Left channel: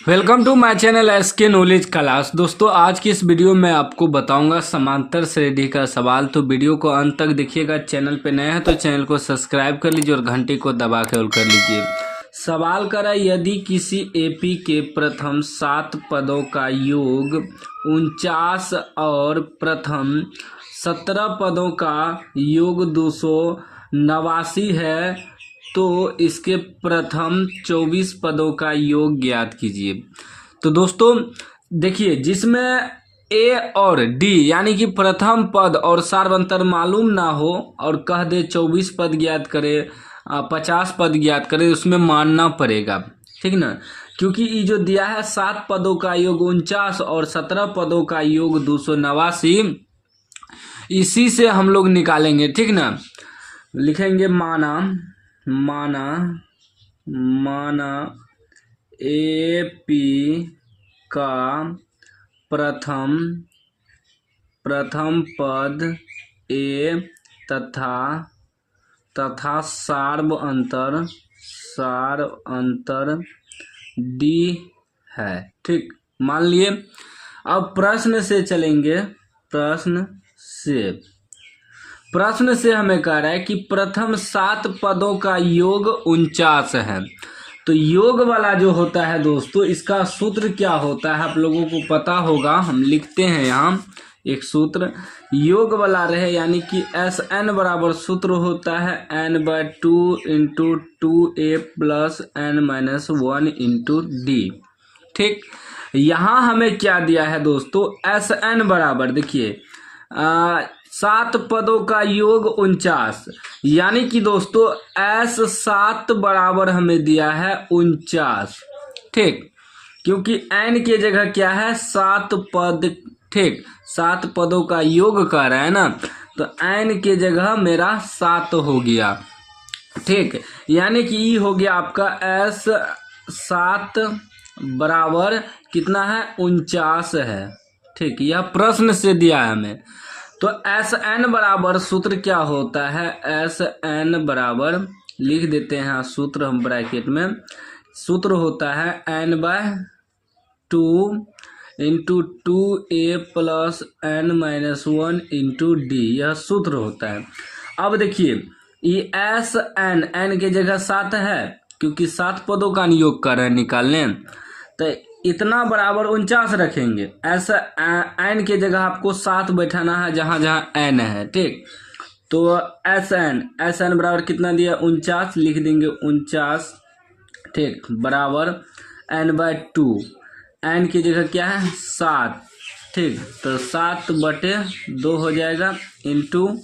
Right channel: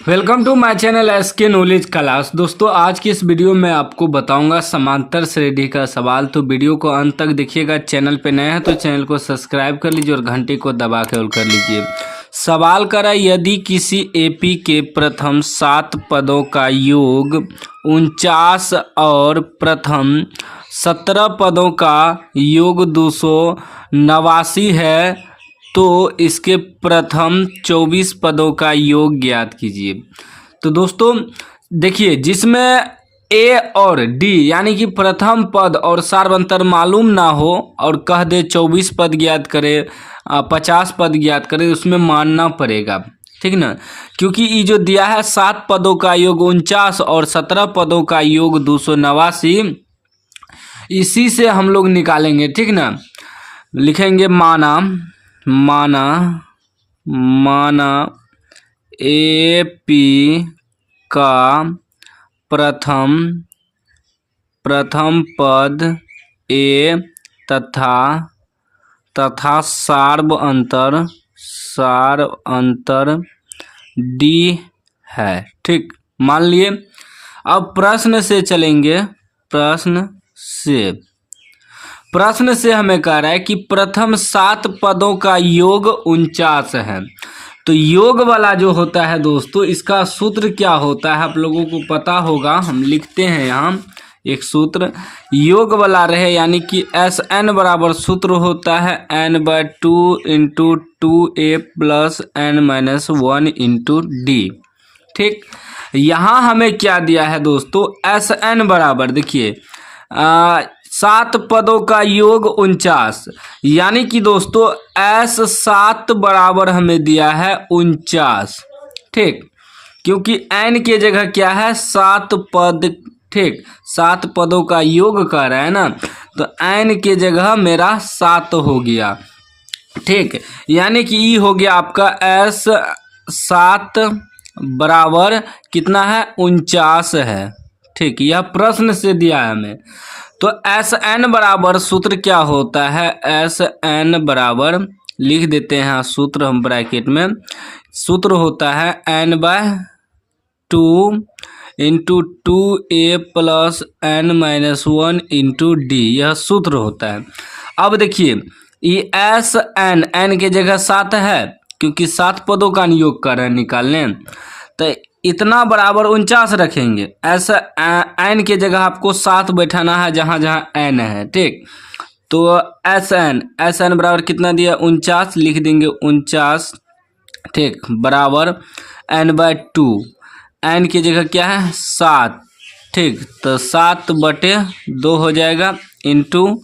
Welcome to my channel SK knowledge class. दोस्तों आज की इस वीडियो में आपको बताऊंगा समांतर श्रेणी का सवाल। तो वीडियो को अंत तक देखिएगा। चैनल पे नए हैं तो चैनल को सब्सक्राइब कर लीजिए और घंटी को दबा के ऑल कर लीजिए। सवाल करा, यदि किसी एपी के प्रथम 7 पदों का योग 49 और प्रथम 17 पदों का योग 289 है तो इसके प्रथम 24 पदों का योग ज्ञात कीजिए। तो दोस्तों देखिए, जिसमें ए और डी यानी कि प्रथम पद और सार्वंतर मालूम ना हो और कह दे 24 पद ज्ञात करे, 50 पद ज्ञात करे, उसमें मानना पड़ेगा, ठीक ना। क्योंकि ये जो दिया है 7 पदों का योग 49 और 17 पदों का योग 289, इसी से हम लोग निकालेंगे, ठीक ना। लिखेंगे माना एपी का प्रथम पद ए तथा सार्व अंतर डी है, ठीक। मान लिए। अब प्रश्न से चलेंगे। प्रश्न से हमें कह रहा है कि प्रथम 7 पदों का योग 49 है। तो योग वाला जो होता है दोस्तों, इसका सूत्र क्या होता है आप लोगों को पता होगा। हम लिखते हैं यहाँ एक सूत्र। योग वाला रहे यानी कि SN बराबर सूत्र होता है n/2 × 2a + n-1 × d, ठीक। यहाँ हमें क्या दिया है दोस्तों, SN बराबर, देखिए 7 पदों का योग 49 यानी कि दोस्तों S7 बराबर हमें दिया है 49, ठीक। क्योंकि n के जगह क्या है 7 पद, ठीक। 7 पदों का योग कर रहा है ना, तो n के जगह मेरा 7 हो गया, ठीक। यानी कि ये हो गया आपका S7 बराबर कितना है 49 है, ठीक। यह प्रश्न से दिया है हमें। तो SN बराबर सूत्र क्या होता है, SN बराबर लिख देते हैं सूत्र हम ब्रैकेट में। सूत्र होता है n/2 × 2a + n-1 × d, यह सूत्र होता है। अब देखिए ये n के जगह 7 है क्योंकि 7 पदों का योग कर रहे हैं निकालने, तो इतना बराबर 49 रखेंगे। ऐसा n के जगह आपको 7 बैठाना है जहाँ जहाँ n है, ठीक। तो SN बराबर कितना दिया 49, लिख देंगे 49, ठीक, बराबर n/2, n की जगह क्या है 7, ठीक। तो 7/2 हो जाएगा इंटू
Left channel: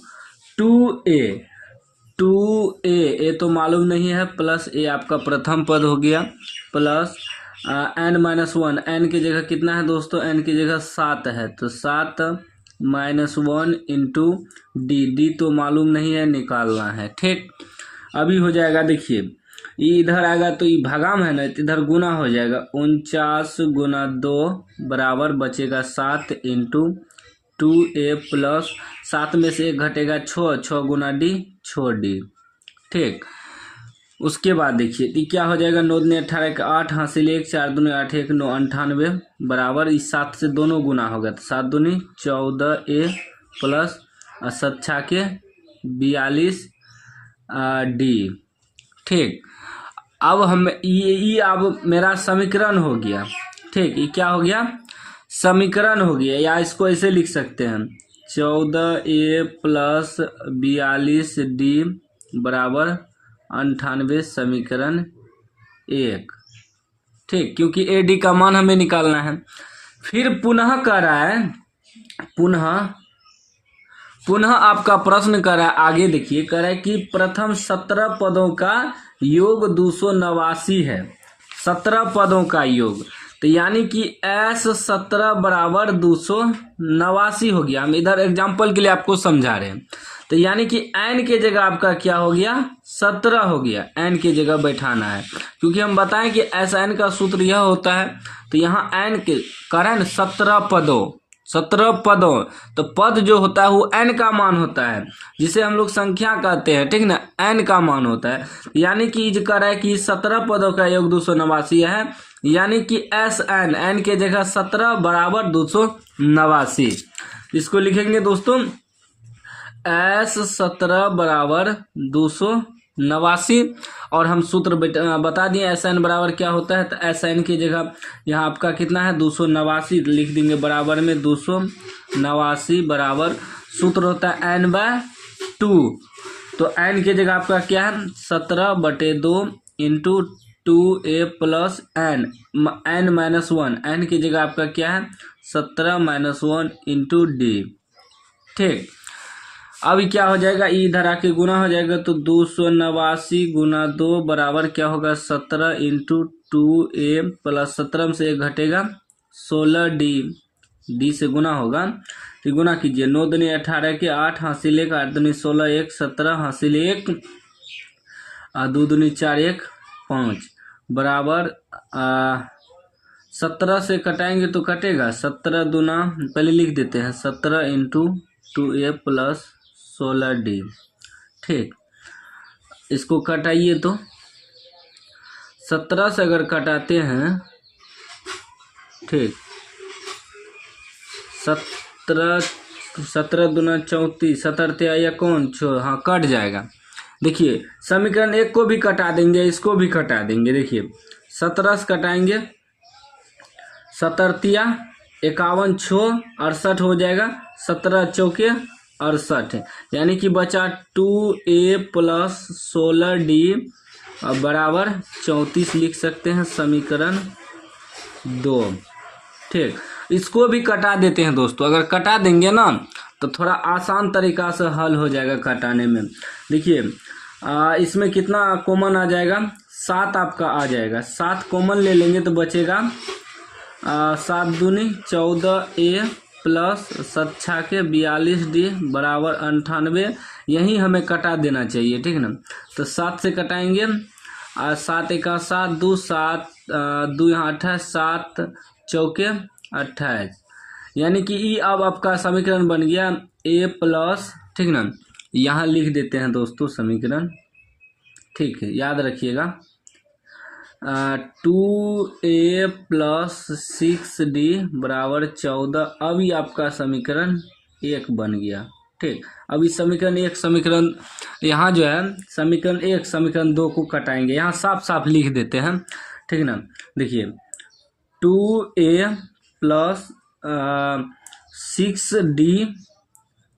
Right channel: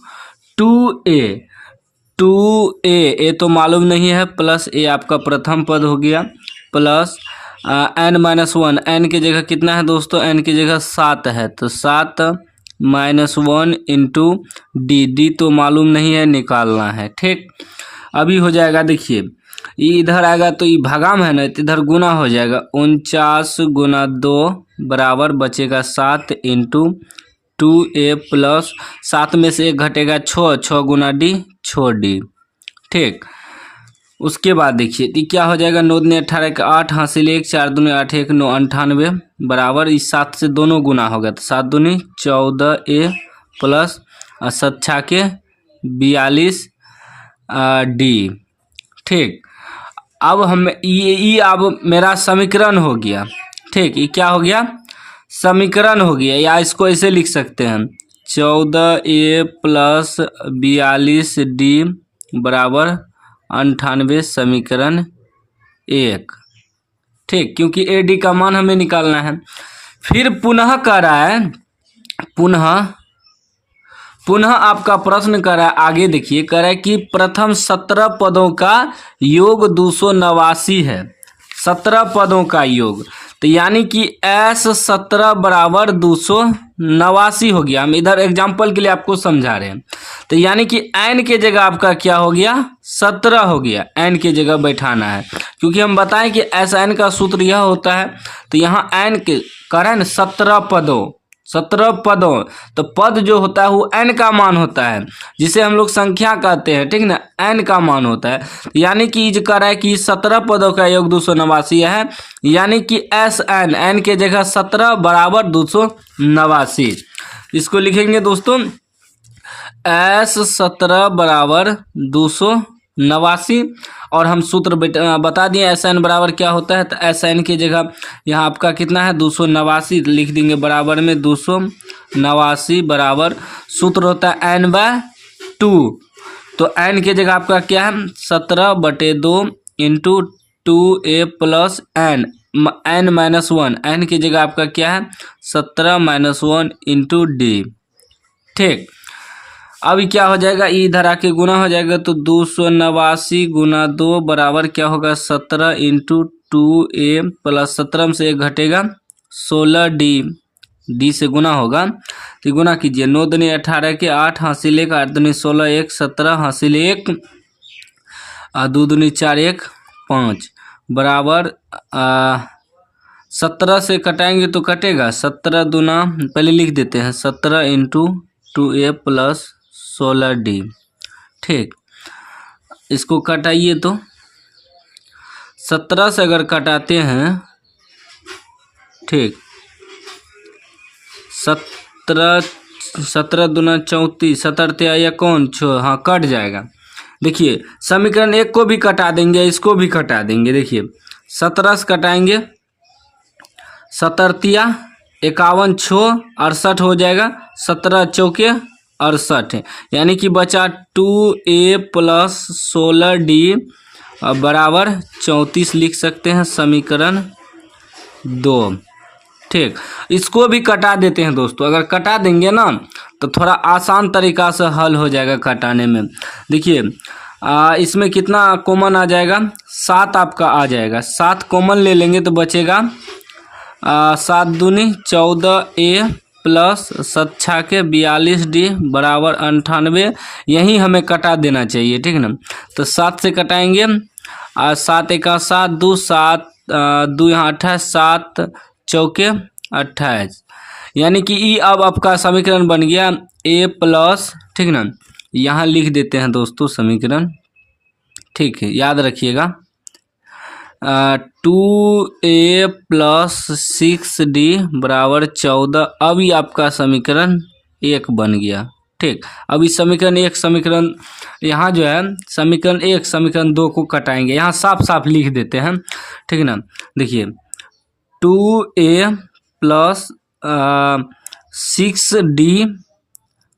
2a तो मालूम नहीं है, प्लस a आपका प्रथम पद हो गया, प्लस n-1, n की जगह कितना है दोस्तों, n की जगह 7 है, तो 7-1 × d तो मालूम नहीं है, निकालना है, ठीक। अभी हो जाएगा, देखिए ये इधर आएगा तो ये भागाम है ना, तो इधर गुना हो जाएगा। 49 × 2 बराबर बचेगा 7 × 2a + 7 में से 1 घटेगा 6 × d 6d, ठीक। उसके बाद देखिए तो क्या हो जाएगा, 9 दूनी 18 के 8 हासिल 1, 4 दूनी 8 1 9 98 बराबर इस 7 से दोनों गुना हो गया, तो 7 दूनी 14a + 7 छाके 42 d, ठीक। अब हम ये अब मेरा समीकरण हो गया, ठीक। ये क्या हो गया, समीकरण हो गया, या इसको ऐसे लिख सकते हैं 14a + 42d बराबर 98, समीकरण 1, ठीक। क्योंकि AD का मान हमें निकालना है। फिर पुनः कह रहा है, पुनः आपका प्रश्न कर रहा है, आगे देखिए कह रहा है कि प्रथम 17 पदों का योग 289 है, 17 पदों का योग, तो यानी कि S17 बराबर 289 हो गया। हम इधर एग्जाम्पल के लिए आपको समझा रहे हैं। तो यानी कि n के जगह आपका क्या हो गया 17 हो गया, n के जगह बैठाना है, क्योंकि हम बताएं कि SN का सूत्र यह होता है। तो यहाँ n के कारण 17 17 पदों, तो पद जो होता है वो n का मान होता है, जिसे हम लोग संख्या कहते हैं, ठीक ना, n का मान होता है। यानी कि जो कह रहा है कि 17 पदों का योग 289 है, यानी कि SN, n के जगह 17 बराबर 289। इसको लिखेंगे दोस्तों S17 बराबर 289, और हम सूत्र बता दिए SN बराबर क्या होता है। तो SN की जगह यहाँ आपका कितना है 289 लिख देंगे, बराबर में 289 बराबर सूत्र होता है n/2। तो n की जगह आपका क्या है 17/2 into 2a plus n, n-1, n की जगह आपका क्या है 17-1 इंटू d। ठीक, अभी क्या हो जाएगा, इधर आके गुना हो जाएगा, तो 289 गुना 2 बराबर क्या होगा 17 इंटू 2a प्लस 17 से 1 घटेगा 16d, d से गुना होगा, तो गुना कीजिए, 9 दूनी 18 के 8 हासिल 1, 8 दूनी 16, 1 17 हासिल 1, 2 दूनी 4 1 5 बराबर 17 से कटाएंगे तो कटेगा 17 दूना, पहले लिख देते हैं 17 इंटू 2a प्लस 16d। ठीक, इसको कटाइए तो 17 से अगर कटाते हैं, ठीक, 17 दूना 34, 17 या कौन छो, हाँ कट जाएगा। देखिए समीकरण 1 को भी कटा देंगे, इसको भी कटा देंगे। देखिए 17 से कटाएंगे, 17 51 6 68 हो जाएगा, 17 चौके 68, यानी कि बचा 2a प्लस 16d बराबर 34 लिख सकते हैं, समीकरण 2। ठीक, इसको भी कटा देते हैं दोस्तों, अगर कटा देंगे ना तो थोड़ा आसान तरीका से हल हो जाएगा कटाने में। देखिए इसमें कितना कॉमन आ जाएगा, 7 आपका आ जाएगा, 7 कॉमन ले लेंगे तो बचेगा 7 दूनी 14a प्लस 7 छाके 42d बराबर 98, यही हमें कटा देना चाहिए, ठीक ना। तो 7 से कटाएंगे, 7 1 7 2 7 2 यहाँ 28, 7 चौके 28, यानी कि ई अब आपका समीकरण बन गया a प्लस, ठीक ना, यहाँ लिख देते हैं दोस्तों समीकरण, ठीक है, याद रखिएगा 2a प्लस 6d बराबर 14। अभी आपका समीकरण 1 बन गया। ठीक, अभी समीकरण 1 समीकरण यहाँ जो है समीकरण 1 समीकरण 2 को कटाएंगे, यहाँ साफ साफ लिख देते हैं, ठीक ना। देखिए 2a प्लस 6d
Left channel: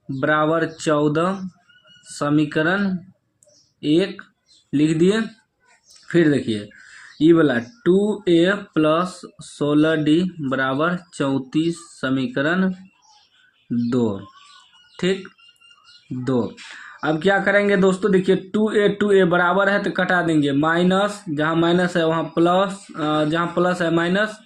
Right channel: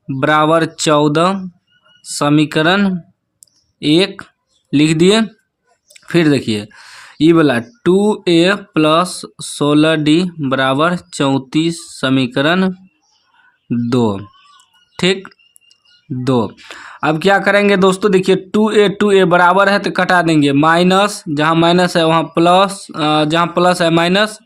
बराबर 14 समीकरण 1 लिख दिए। फिर देखिए ये वाला 2a प्लस 16d बराबर 34 समीकरण 2। ठीक, 2। अब क्या करेंगे दोस्तों, देखिए 2a बराबर है तो कटा देंगे, माइनस जहाँ माइनस है वहाँ प्लस, जहाँ प्लस है माइनस,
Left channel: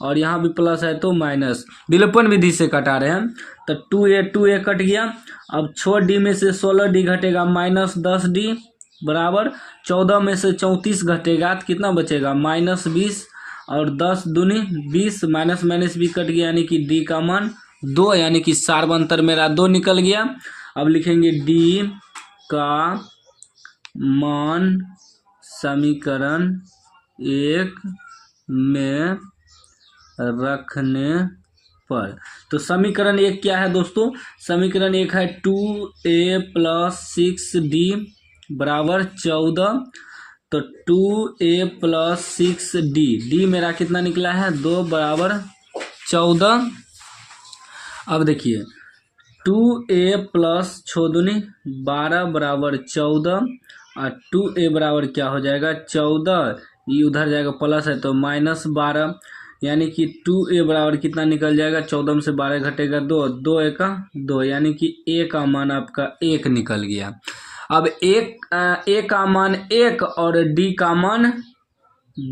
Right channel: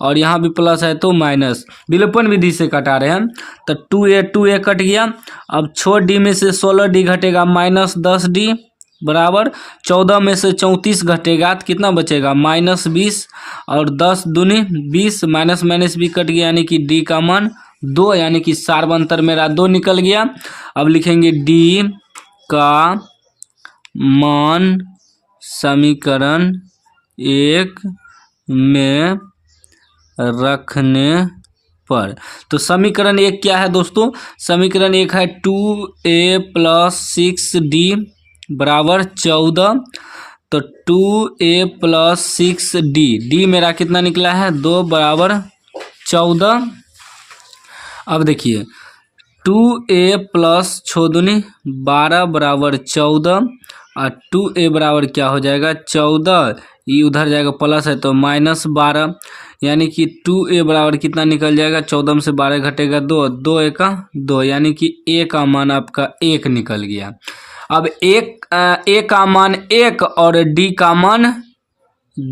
और यहाँ भी प्लस है तो माइनस, विलोपन विधि से कटा रहे हैं। तो 2a कट गया। अब छोड़ डी में से 16d घटेगा, माइनस 10d बराबर 14 में से 34 घटेगा तो कितना बचेगा, माइनस 20, और 10 दूनी 20, माइनस माइनस भी कट गया, यानी कि d का मान 2, यानी कि सार्वंतर मेरा 2 निकल गया। अब लिखेंगे d का मान समीकरण 1 में रखने पर, तो समीकरण 1 क्या है दोस्तों, समीकरण 1 है 2a प्लस 6d बराबर 14। तो 2a प्लस 6d, d मेरा कितना निकला है 2 बराबर 14। अब देखिए 2a प्लस 6 दूनी 12 बराबर 14, और 2a बराबर क्या हो जाएगा 14, ये उधर जाएगा प्लस है तो माइनस 12, यानी कि 2a बराबर कितना निकल जाएगा, 14 में से 12 घटेगा 2, 2 1 2, यानी कि a का मान आपका 1 निकल गया। अब a का मान 1 और d का मान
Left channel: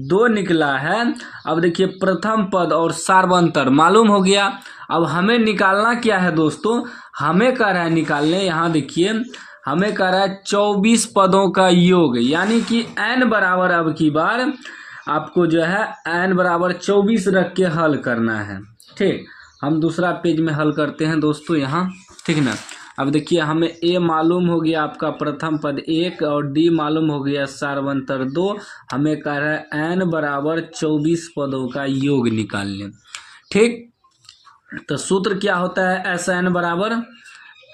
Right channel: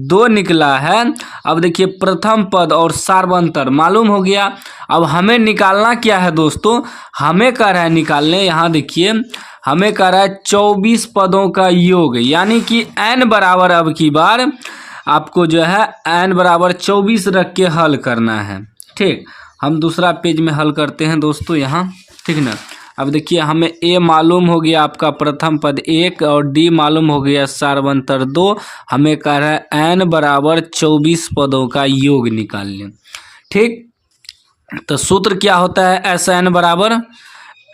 2 निकला है। अब देखिए प्रथम पद और सार्वंतर मालूम हो गया। अब हमें निकालना क्या है दोस्तों, हमें कह रहा है निकालने, यहाँ देखिए हमें कह रहा है 24 पदों का योग, यानी कि n बराबर अब की बार आपको जो है n बराबर 24 रख के हल करना है। ठीक, हम दूसरा पेज में हल करते हैं दोस्तों यहाँ, ठीक ना। अब देखिए हमें ए मालूम हो गया आपका प्रथम पद 1 और डी मालूम हो गया सार्वंतर 2। हमें कह रहा है n बराबर 24 पदों का योग निकालने, ठीक। तो सूत्र क्या होता है, ऐसा n बराबर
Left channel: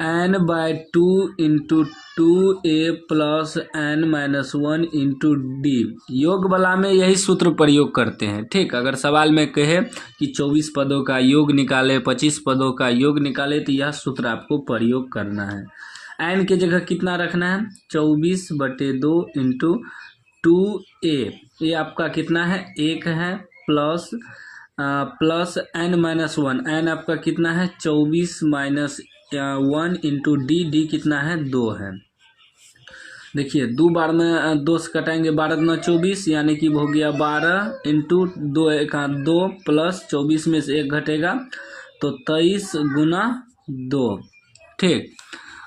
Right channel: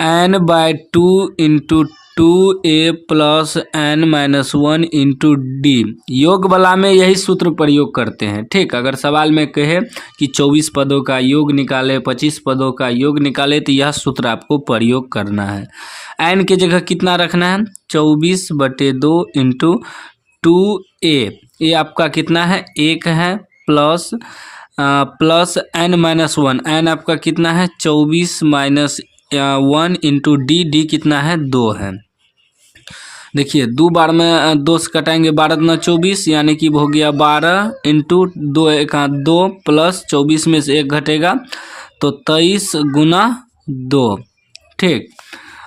n/2 into 2a plus n-1 into D. योग वाला में यही सूत्र प्रयोग करते हैं, ठीक। अगर सवाल में कहे कि 24 पदों का योग निकाले, 25 पदों का योग निकाले, तो यह सूत्र आपको प्रयोग करना है। n की जगह कितना रखना है, 24/2 इंटू 2a। ये आपका कितना है, 1 है, प्लस n-1। n आपका कितना है, 24 - 1 इंटू डी कितना है, 2 है। देखिए 2 बार में 2 से कटाएंगे, 12 दूना 24, यानी कि हो गया 12 इंटू 2 1 2 प्लस 24 में से 1 घटेगा तो 23 गुना 2, ठीक।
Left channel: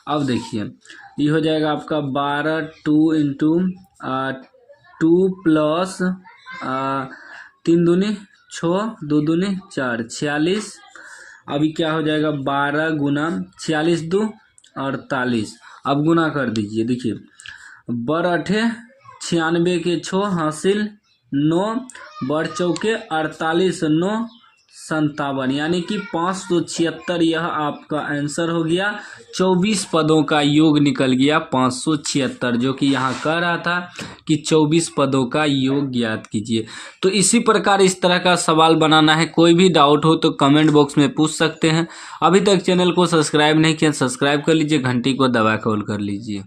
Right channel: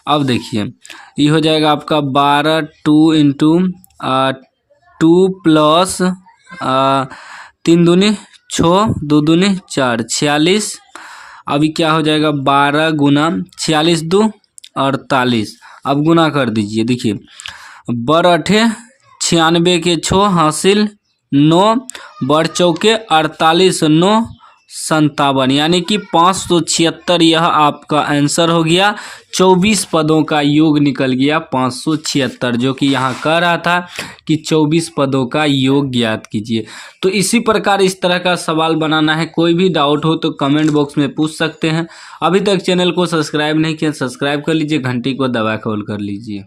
अब देखिए ये हो जाएगा आपका 12 2 इंटू 2 प्लस 3 दूनी 6 2 दूनी 4 46। अभी क्या हो जाएगा 12 गुना 46 2 48। अब गुना कर दीजिए, देखिए 12 96 के 6 हासिल 9 बढ़ चौके 48 9 57, यानी कि 576 यह आपका आंसर हो गया। 24 पदों का योग निकल गया 576, जो कि यहाँ कह रहा था कि 24 पदों का योग ज्ञात कीजिए। तो इसी प्रकार इस तरह का सवाल बनाना है। कोई भी डाउट हो तो कमेंट बॉक्स में पूछ सकते हैं। अभी तक चैनल को सब्सक्राइब नहीं किया, सब्सक्राइब कर लीजिए, घंटी को दबा कर ऑल कर लीजिए।